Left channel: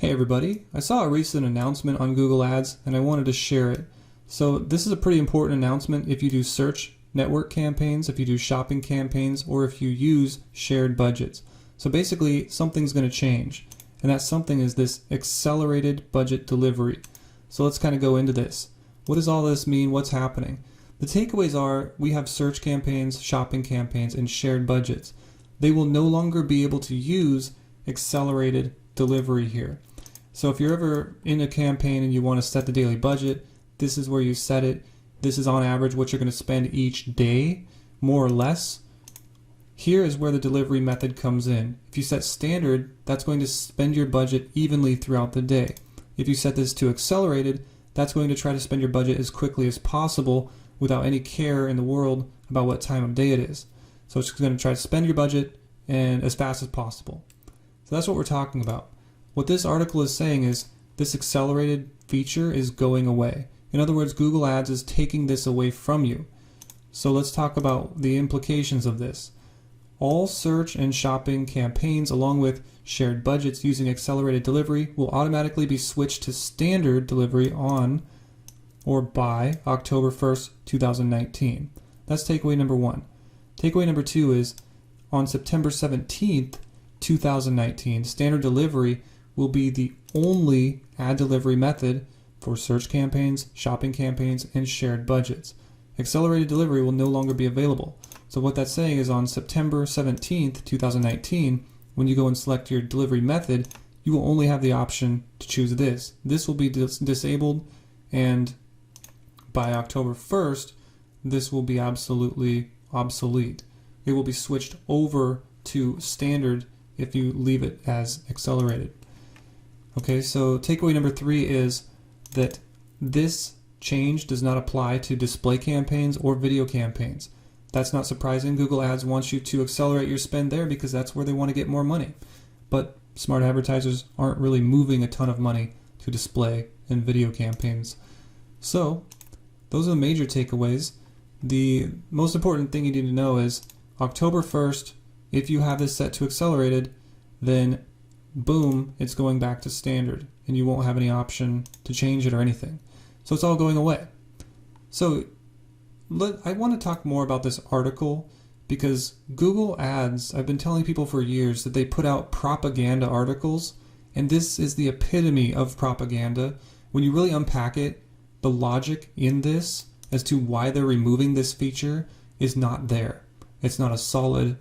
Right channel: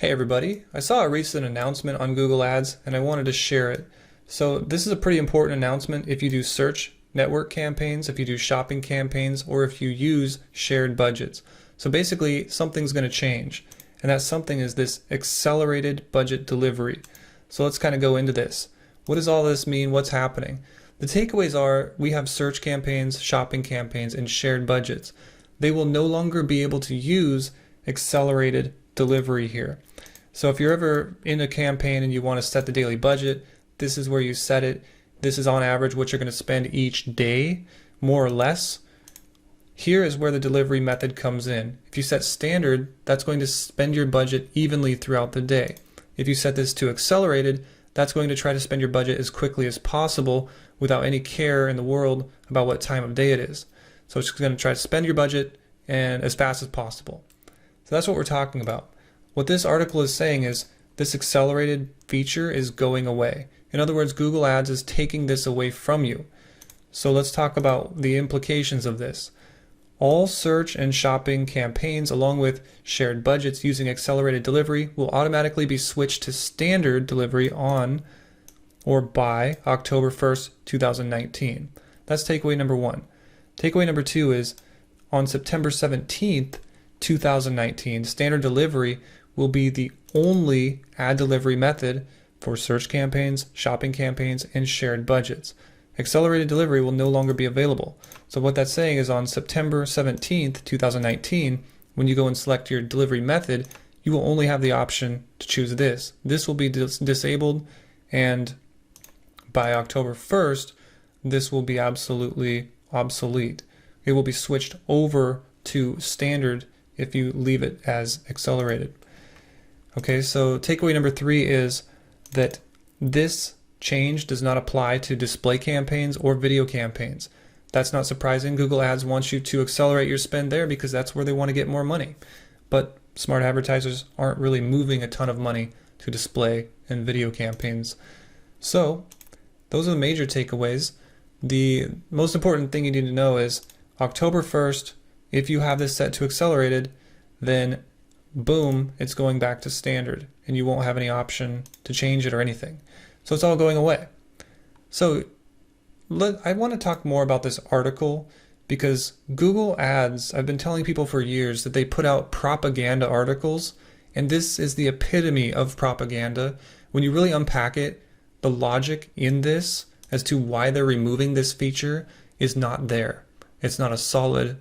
Hey everybody, I saw a recent announcement on Google Ads and I wanted to share it. So this is a pretty important announcement if you do search network campaigns, if you do shopping campaigns, or if you use shared budgets. So basically something's going to change, and that something is this accelerated budget delivery. So let's kind of go into this. What does all this mean? What's happening? The takeaways are we have search campaigns, shopping campaigns, and shared budgets. They will no longer be able to use accelerated delivery here. So if you're ever in a campaign and you want to set the daily budget, this is where you set it. This is on average what you're going to spend each day, more or less. Here is where the delivery method comes in. If you set standard, that's going to spend your budget evenly throughout the day. If you set this to accelerated, that's going to try to spend your budget as quickly as possible without any care in the world about what time of day it is. So it's going to try to spend your budget and as fast as possible. So that's what we're talking about. What this article is saying is this accelerated feature is going away. In other words, Google Ads is taking this away from you. So let's talk about the implications of this. All search and shopping campaigns along with shared budgets using accelerated delivery will automatically be switched to standard delivery on or by October 1st, 2019. That's takeaway number one. Takeaway number two is on September 17th, 2019, standard delivery will be the only ad delivery method for search campaigns, shopping campaigns, and shared budgets. Accelerated delivery will no longer be available. So what that's saying is on September 17th, 2019, when you go and select your delivery method, you will only have the option to choose this. This will be disabled, and by October 1st, this will be absolutely obsolete. It will be switched over to standard if you leave it as accelerated. Okay, so takeaway number three is that this change does not apply to display campaigns or video campaigns. That's not surprising. Google Ads wants you to accelerate your spend there because that's where they want to get more money. But smart advertisers aren't really moving a ton of money to display and video campaigns. So those are the major takeaways. The most important thing you need to know is October 1st, if you have this set to accelerated, then boom, it's going back to standard and you won't have any option to change it or anything. So it's all going away. So I want to talk more about this article because Google Ads, I've been telling people for years that they put out propaganda articles, and this is the epitome of propaganda. When you really unpack it, the logic in this as to why they're removing this feature is not there. It's not a solid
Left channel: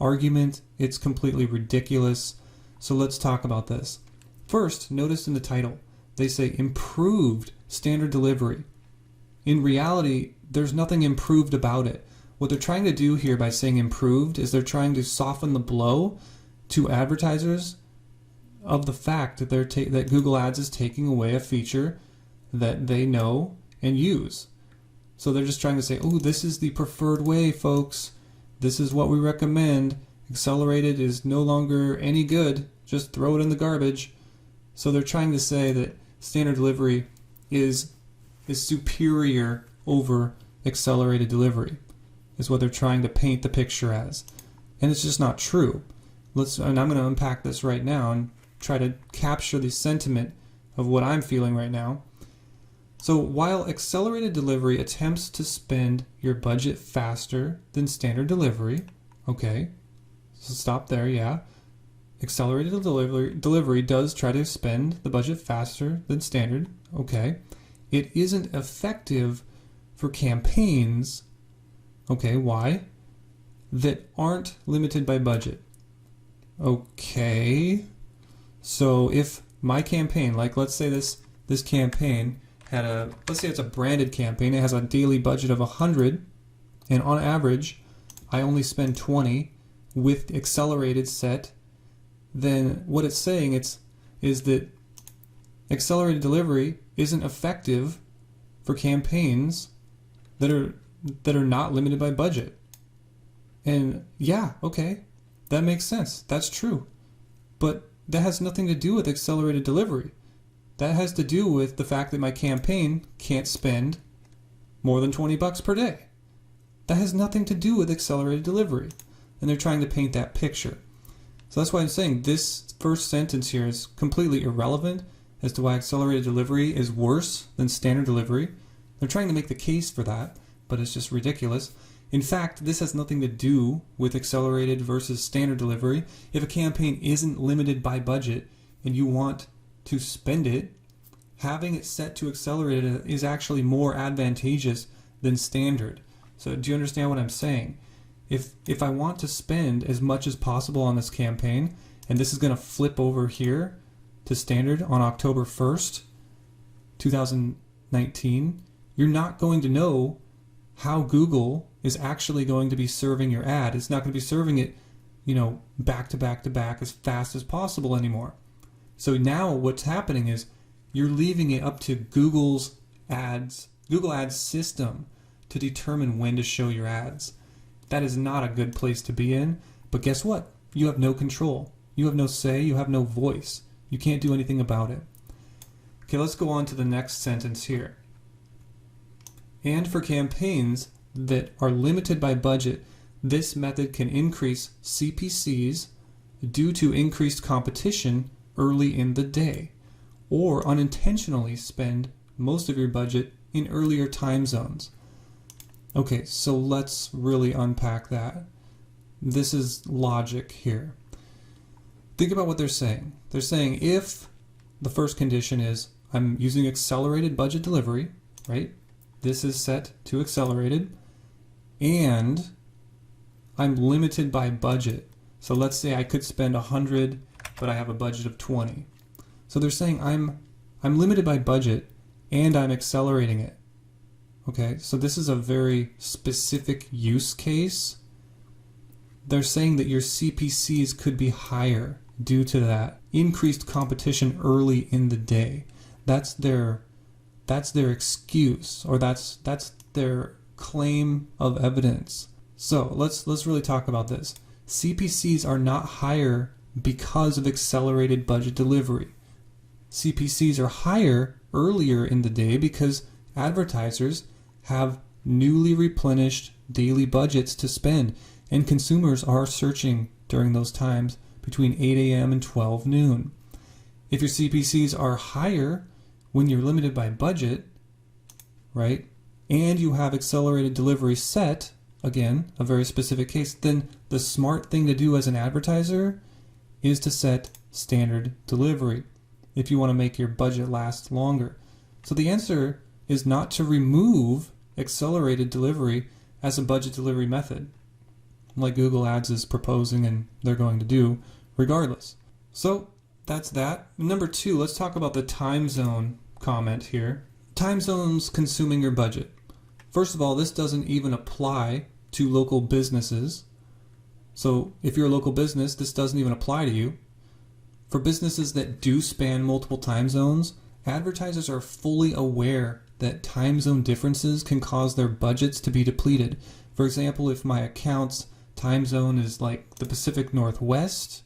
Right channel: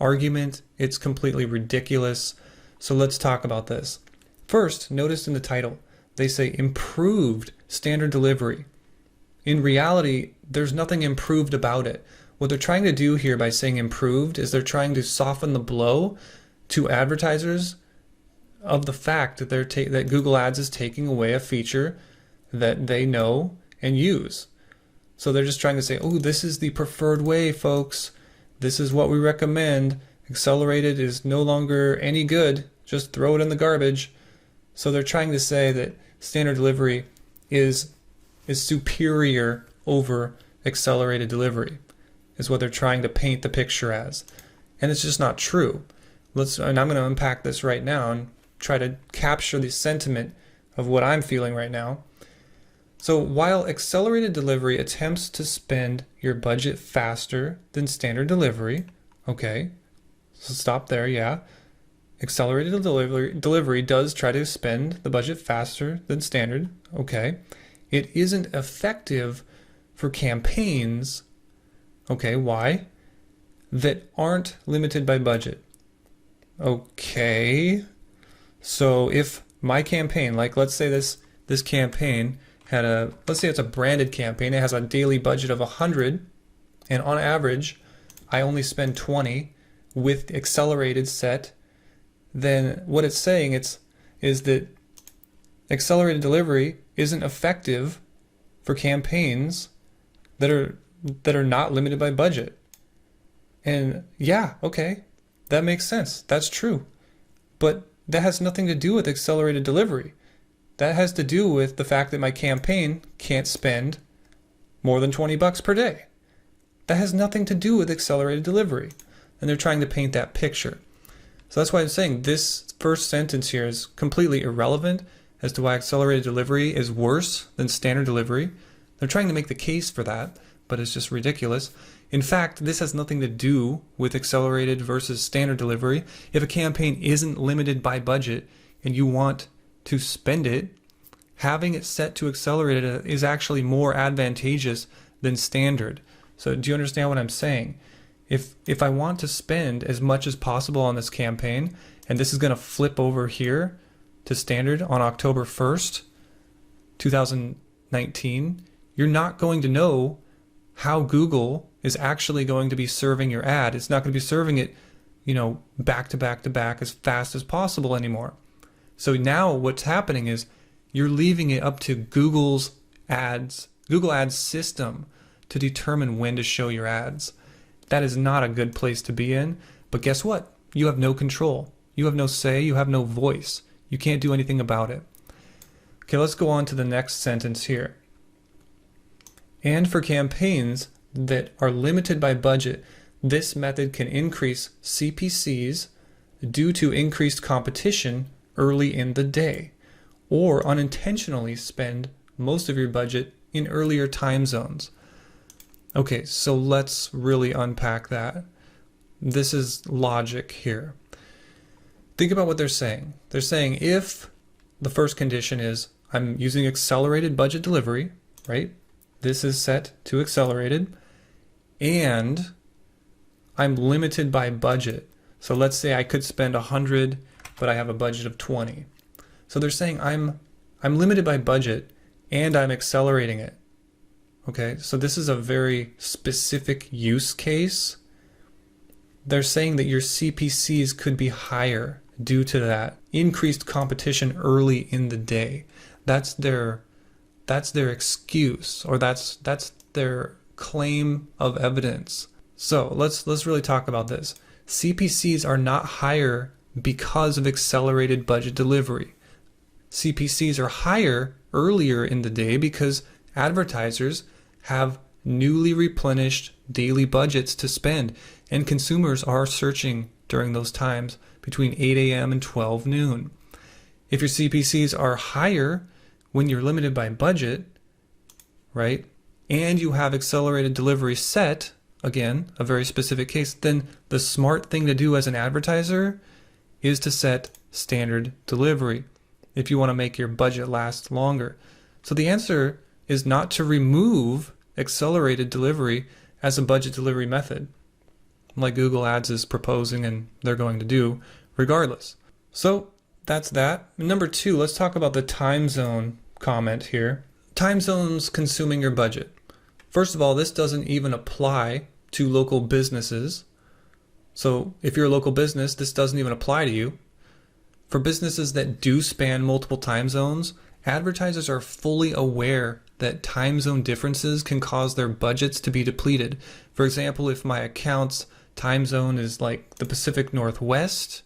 argument. It's completely ridiculous. So let's talk about this. First, notice in the title, they say improved standard delivery. In reality, there's nothing improved about it. What they're trying to do here by saying improved is they're trying to soften the blow to advertisers of the fact that that Google Ads is taking away a feature that they know and use. So they're just trying to say, oh, this is the preferred way, folks. This is what we recommend. Accelerated is no longer any good. Just throw it in the garbage. So they're trying to say that standard delivery is superior over accelerated delivery, is what they're trying to paint the picture as. And it's just not true. And I'm going to unpack this right now and try to capture the sentiment of what I'm feeling right now. So while accelerated delivery attempts to spend your budget faster than standard delivery, okay, so stop there, yeah. Accelerated delivery does try to spend the budget faster than standard, okay. It isn't effective for campaigns, okay, why? That aren't limited by budget. Okay, so if my campaign, like let's say this campaign had let's say it's a branded campaign, it has a daily budget of 100, and on average, I only spend 20 with accelerated set, then what it's saying is that accelerated delivery isn't effective for campaigns that are not limited by budget. And yeah, okay, that makes sense. That's true. But that has nothing to do with accelerated delivery. That has to do with the fact that my campaign can't spend more than $20 per day. That has nothing to do with accelerated delivery. And they're trying to paint that picture. So that's why I'm saying this first sentence here is completely irrelevant as to why accelerated delivery is worse than standard delivery. They're trying to make the case for that, but it's just ridiculous. In fact, this has nothing to do with accelerated versus standard delivery. If a campaign isn't limited by budget and you want to spend it, having it set to accelerated is actually more advantageous than standard. So do you understand what I'm saying? If I want to spend as much as possible on this campaign, and this is going to flip over here to standard on October 1st, 2019, you're not going to know how Google is actually going to be serving your ad. It's not going to be serving it, back to back to back as fast as possible anymore. So now what's happening is you're leaving it up to Google Ads system to determine when to show your ads. That is not a good place to be in, but guess what? You have no control. You have no say, you have no voice. You can't do anything about it. Okay, let's go on to the next sentence here. And for campaigns that are limited by budget, this method can increase CPCs due to increased competition early in the day, or unintentionally spend most of your budget in earlier time zones. Okay, so let's really unpack that. This is logic here. Think about what they're saying. They're saying if the first condition is I'm using accelerated budget delivery, right? This is set to accelerated, and I'm limited by budget. So let's say I could spend 100, but I have a budget of 20. So they're saying I'm limited by budget and I'm accelerating it. Okay, so this is a very specific use case. They're saying that your CPCs could be higher due to that increased competition early in the day. That's their excuse, or that's their claim of evidence. So let's really talk about this. CPCs are not higher because of accelerated budget delivery. CPCs are higher earlier in the day because advertisers have newly replenished daily budgets to spend, and consumers are searching during those times between 8 a.m. and 12 noon. If your CPCs are higher when you're limited by budget, right, and you have accelerated delivery set, again, a very specific case, then the smart thing to do as an advertiser is to set standard delivery if you want to make your budget last longer. So the answer is not to remove accelerated delivery as a budget delivery method, like Google Ads is proposing and they're going to do regardless. So that's that. Number two, let's talk about the time zone comment here. Time zones consuming your budget. First of all, this doesn't even apply to local businesses. So if you're a local business, this doesn't even apply to you. For businesses that do span multiple time zones, advertisers are fully aware that time zone differences can cause their budgets to be depleted. For example, if my account's time zone is like the Pacific Northwest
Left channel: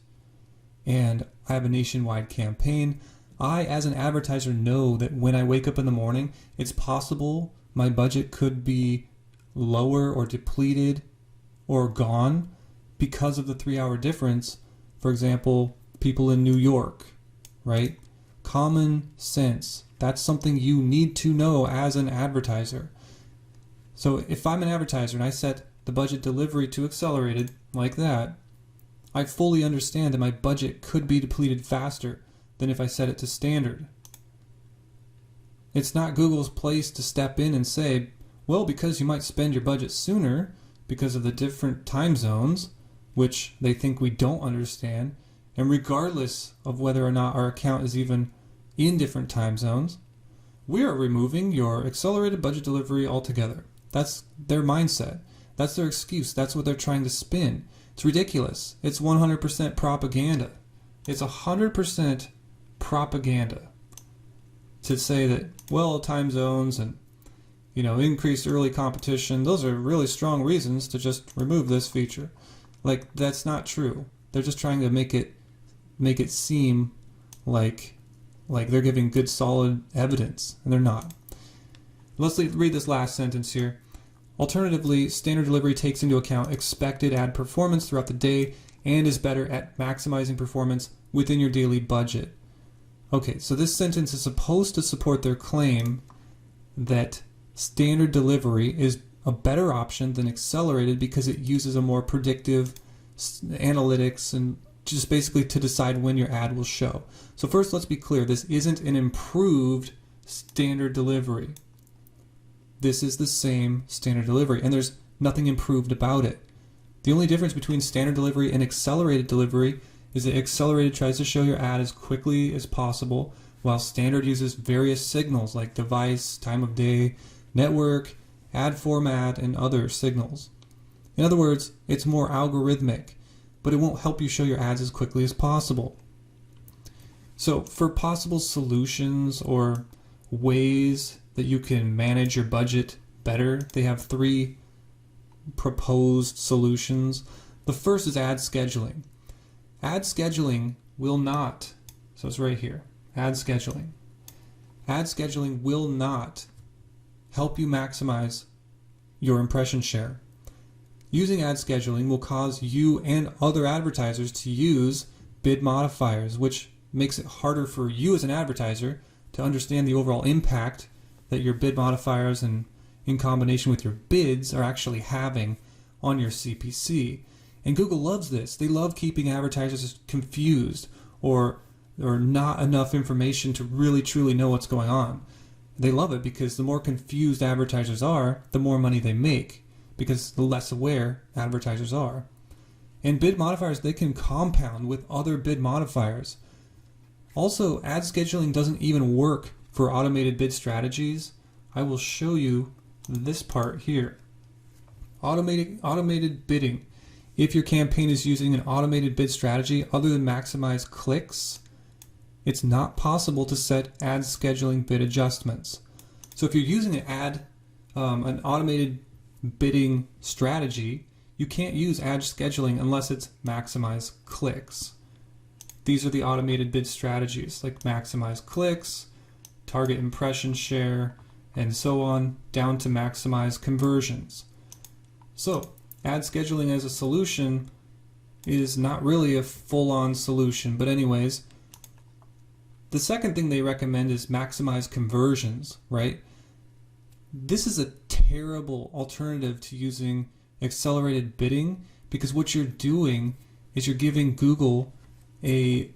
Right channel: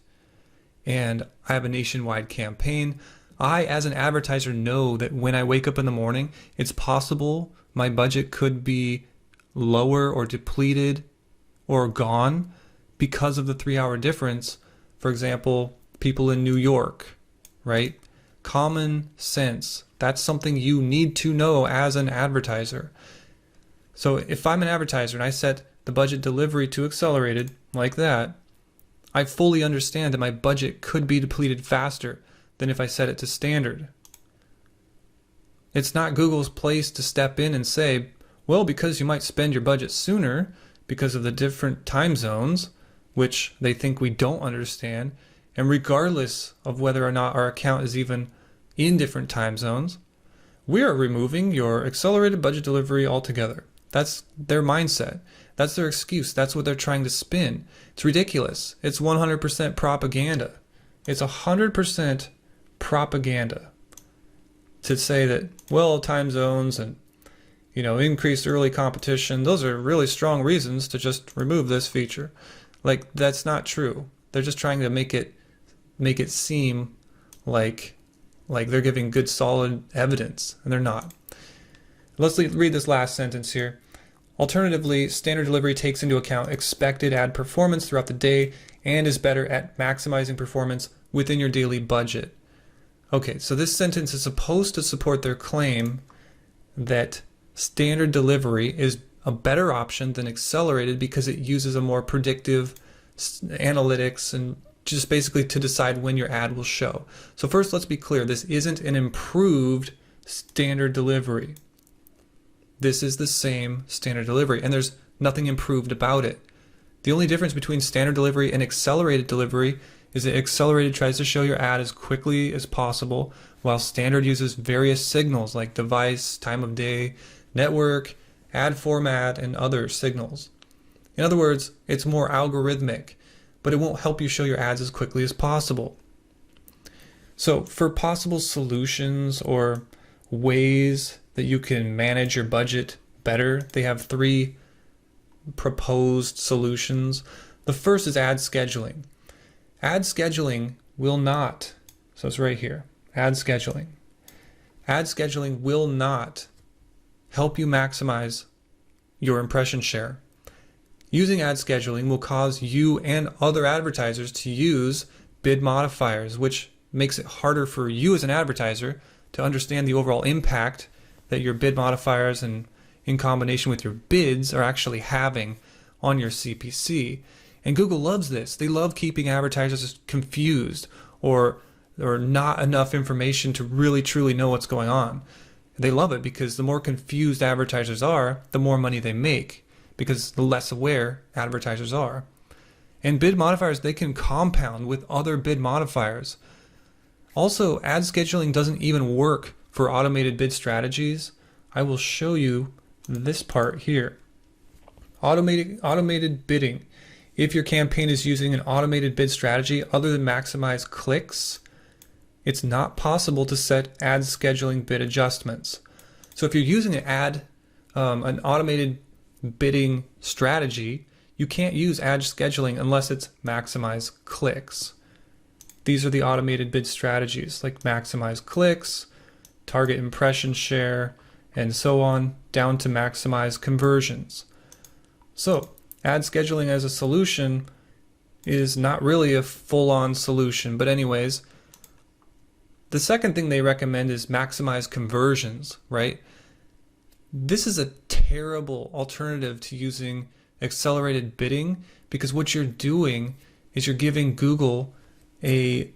and I have a nationwide campaign, I, as an advertiser, know that when I wake up in the morning, it's possible my budget could be lower or depleted or gone because of the 3-hour difference. For example, people in New York, right? Common sense. That's something you need to know as an advertiser. So if I'm an advertiser and I set the budget delivery to accelerated like that, I fully understand that my budget could be depleted faster than if I set it to standard. It's not Google's place to step in and say, well, because you might spend your budget sooner because of the different time zones, which they think we don't understand, and regardless of whether or not our account is even in different time zones, we are removing your accelerated budget delivery altogether. That's their mindset. That's their excuse. That's what they're trying to spin. It's ridiculous. It's 100% propaganda. It's 100% propaganda to say that, well, time zones and increased early competition, those are really strong reasons to just remove this feature. Like, that's not true. They're just trying to make it seem like they're giving good solid evidence, and they're not. Let's read this last sentence here. Alternatively, standard delivery takes into account expected ad performance throughout the day and is better at maximizing performance within your daily budget. Okay, so this sentence is supposed to support their claim that standard delivery is a better option than accelerated because it uses a more predictive analytics and just basically to decide when your ad will show. So first, let's be clear, this isn't an improved standard delivery. This is the same standard delivery, and there's nothing improved about it. The only difference between standard delivery and accelerated delivery is that accelerated tries to show your ad as quickly as possible, while standard uses various signals like device, time of day, network, ad format, and other signals. In other words, it's more algorithmic, but it won't help you show your ads as quickly as possible. So for possible solutions or ways that you can manage your budget better, they have 3 proposed solutions. The first is ad scheduling. Ad scheduling will not, so it's right here, ad scheduling. Ad scheduling will not help you maximize your impression share. Using ad scheduling will cause you and other advertisers to use bid modifiers, which makes it harder for you as an advertiser to understand the overall impact that your bid modifiers and in combination with your bids are actually having on your CPC. And Google loves this. They love keeping advertisers confused or not enough information to really truly know what's going on. They love it because the more confused advertisers are, the more money they make, because the less aware advertisers are. And bid modifiers, they can compound with other bid modifiers. Also, ad scheduling doesn't even work for automated bid strategies. I will show you this part here. Automated bidding. If your campaign is using an automated bid strategy other than maximize clicks, it's not possible to set ad scheduling bid adjustments. So if you're using an automated bidding strategy, you can't use ad scheduling unless it's maximize clicks. These are the automated bid strategies like maximize clicks, target impression share, and so on, down to maximize conversions. So ad scheduling as a solution is not really a full-on solution, but anyways, the second thing they recommend is maximize conversions, right? This is a terrible alternative to using accelerated bidding, because what you're doing is you're giving Google the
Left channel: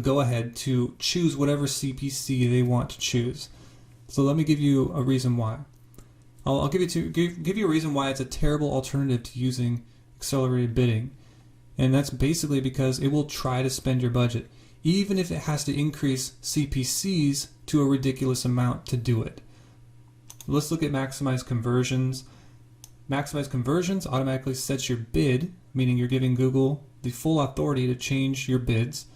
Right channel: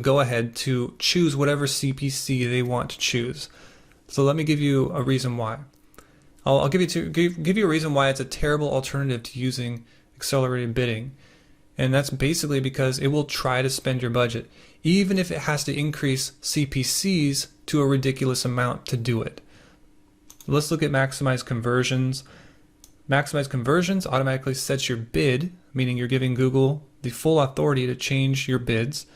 go-ahead to choose whatever CPC they want to choose. So let me give you a reason why. I'll give you a reason why it's a terrible alternative to using accelerated bidding. And that's basically because it will try to spend your budget, even if it has to increase CPCs to a ridiculous amount to do it. Let's look at maximize conversions. Maximize conversions automatically sets your bid, meaning you're giving Google the full authority to change your bids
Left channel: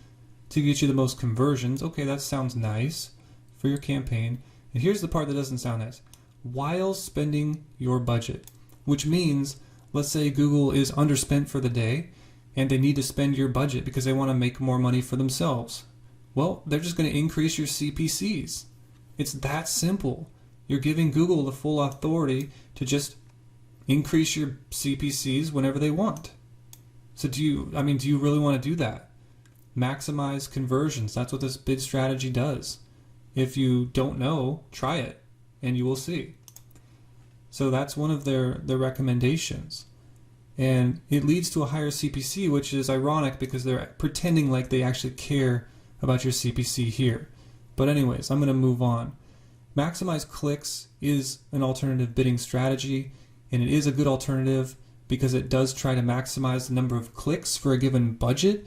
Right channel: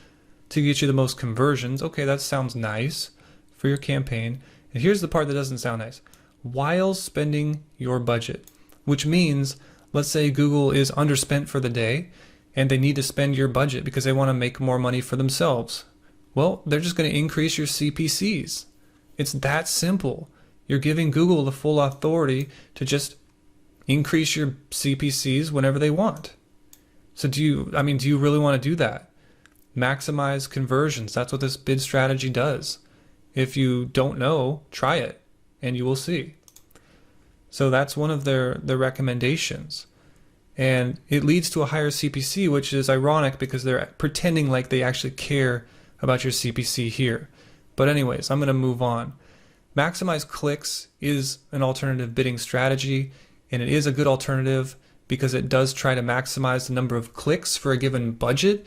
to get you the most conversions. Okay, that sounds nice for your campaign. And here's the part that doesn't sound nice. While spending your budget, which means, let's say Google is underspent for the day and they need to spend your budget because they want to make more money for themselves. Well, they're just going to increase your CPCs. It's that simple. You're giving Google the full authority to just increase your CPCs whenever they want. So do you really want to do that? Maximize conversions. That's what this bid strategy does. If you don't know, try it and you will see. So that's one of their recommendations. And it leads to a higher CPC, which is ironic because they're pretending like they actually care about your CPC here. But anyways, I'm going to move on. Maximize clicks is an alternative bidding strategy, and it is a good alternative because it does try to maximize the number of clicks for a given budget.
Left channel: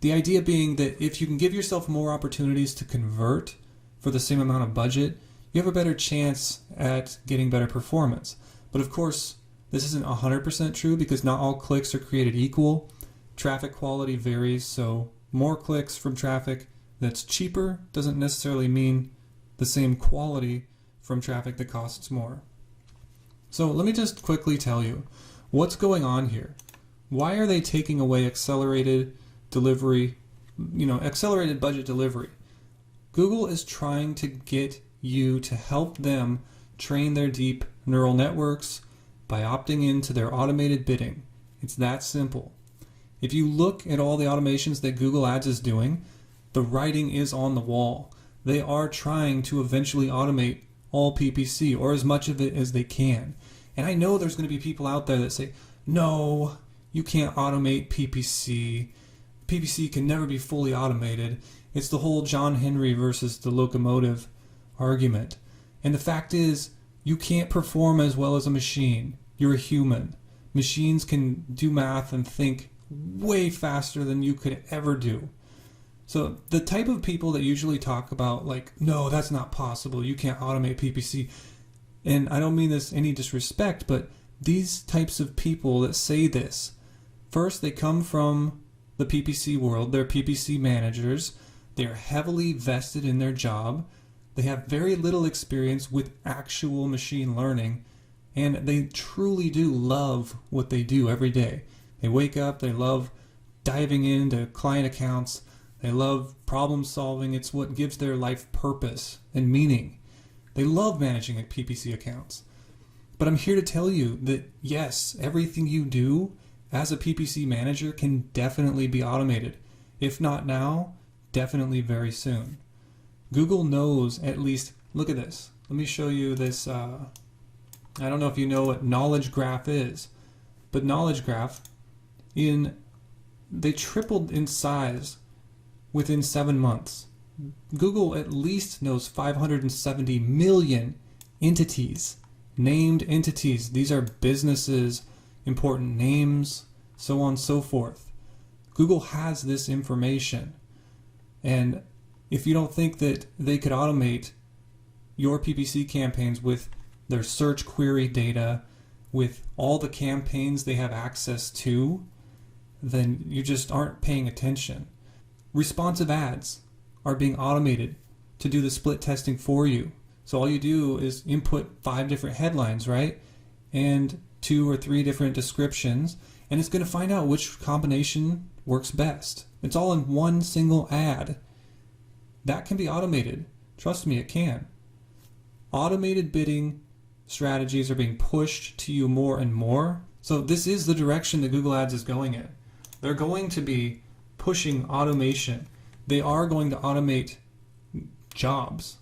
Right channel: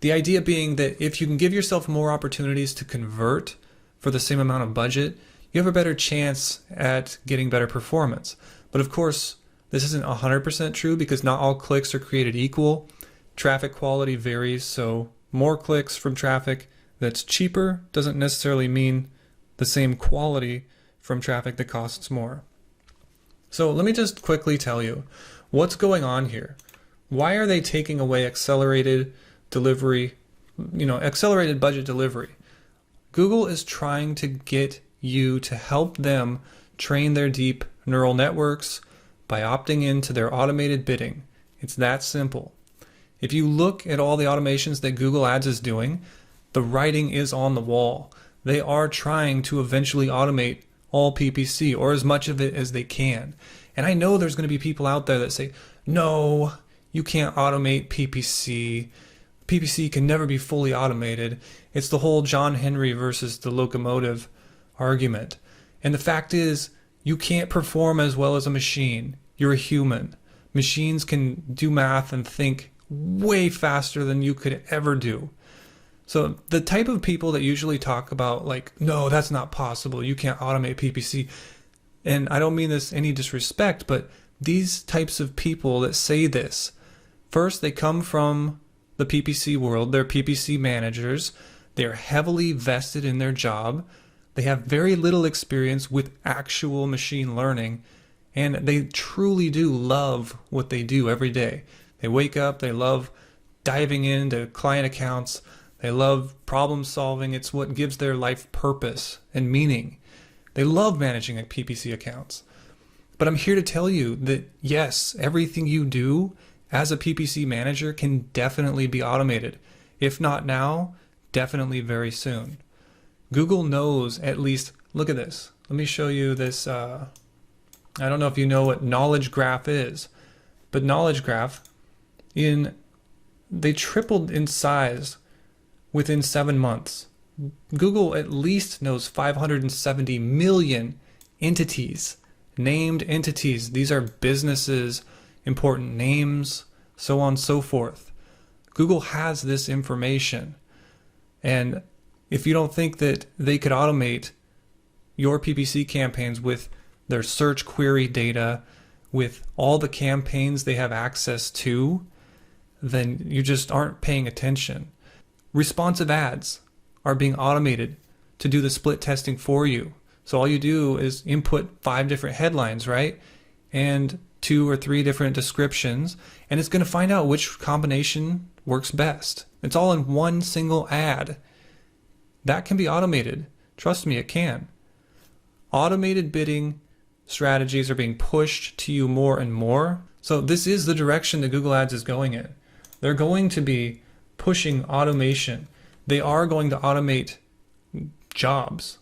The idea being that if you can give yourself more opportunities to convert for the same amount of budget, you have a better chance at getting better performance. But of course, this isn't 100% true because not all clicks are created equal. Traffic quality varies, so more clicks from traffic that's cheaper doesn't necessarily mean the same quality from traffic that costs more. So let me just quickly tell you what's going on here. Why are they taking away accelerated delivery, accelerated budget delivery? Google is trying to get you to help them train their deep neural networks by opting into their automated bidding. It's that simple. If you look at all the automations that Google Ads is doing, the writing is on the wall. They are trying to eventually automate all PPC, or as much of it as they can. And I know there's going to be people out there that say, no, you can't automate PPC. PPC can never be fully automated. It's the whole John Henry versus the locomotive argument. And the fact is, you can't perform as well as a machine. You're a human. Machines can do math and think way faster than you could ever do. So the type of people that usually talk about like, no, that's not possible, you can't automate PPC. And I don't mean this any disrespect, but these types of people that say this, first, they come from the PPC world. They're PPC managers. They're heavily vested in their job. They have very little experience with actual machine learning, and they truly do love what they do every day. They wake up, they love diving into client accounts, they love problem solving. It's what gives their life purpose and meaning. They love managing PPC accounts. But I'm here to tell you that yes, everything you do as a PPC manager can definitely be automated. If not now, definitely very soon. Google knows at least, look at this. Let me show you this. I don't know if you know what knowledge graph is, but knowledge graph, they tripled in size within 7 months. Google at least knows 570 million entities, named entities. These are businesses, important names, so on and so forth. Google has this information. And if you don't think that they could automate your PPC campaigns with their search query data, with all the campaigns they have access to, then you just aren't paying attention. Responsive ads are being automated to do the split testing for you. So all you do is input 5 different headlines, right? And 2 or 3 different descriptions, and it's going to find out which combination works best. It's all in one single ad. That can be automated. Trust me, it can. Automated bidding strategies are being pushed to you more and more. So this is the direction that Google Ads is going in. They're going to be pushing automation. They are going to automate jobs.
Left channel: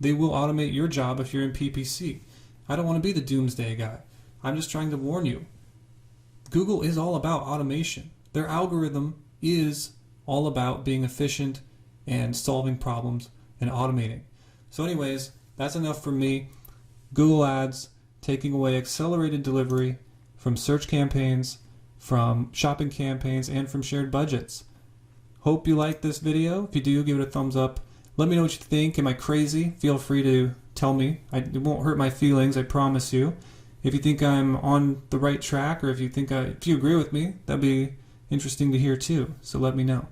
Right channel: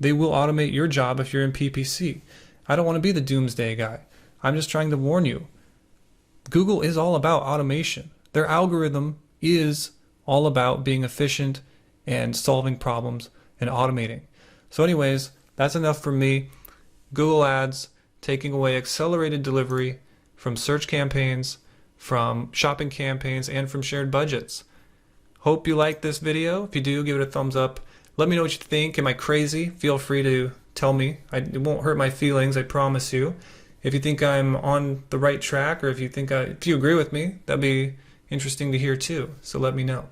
They will automate your job if you're in PPC. I don't want to be the doomsday guy. I'm just trying to warn you. Google is all about automation. Their algorithm is all about being efficient and solving problems and automating. So anyways, that's enough for me. Google Ads taking away accelerated delivery from search campaigns, from shopping campaigns, and from shared budgets. Hope you liked this video. If you do, give it a thumbs up. Let me know what you think. Am I crazy? Feel free to tell me. It won't hurt my feelings, I promise you. If you think I'm on the right track, or if you agree with me, that'd be interesting to hear too. So let me know.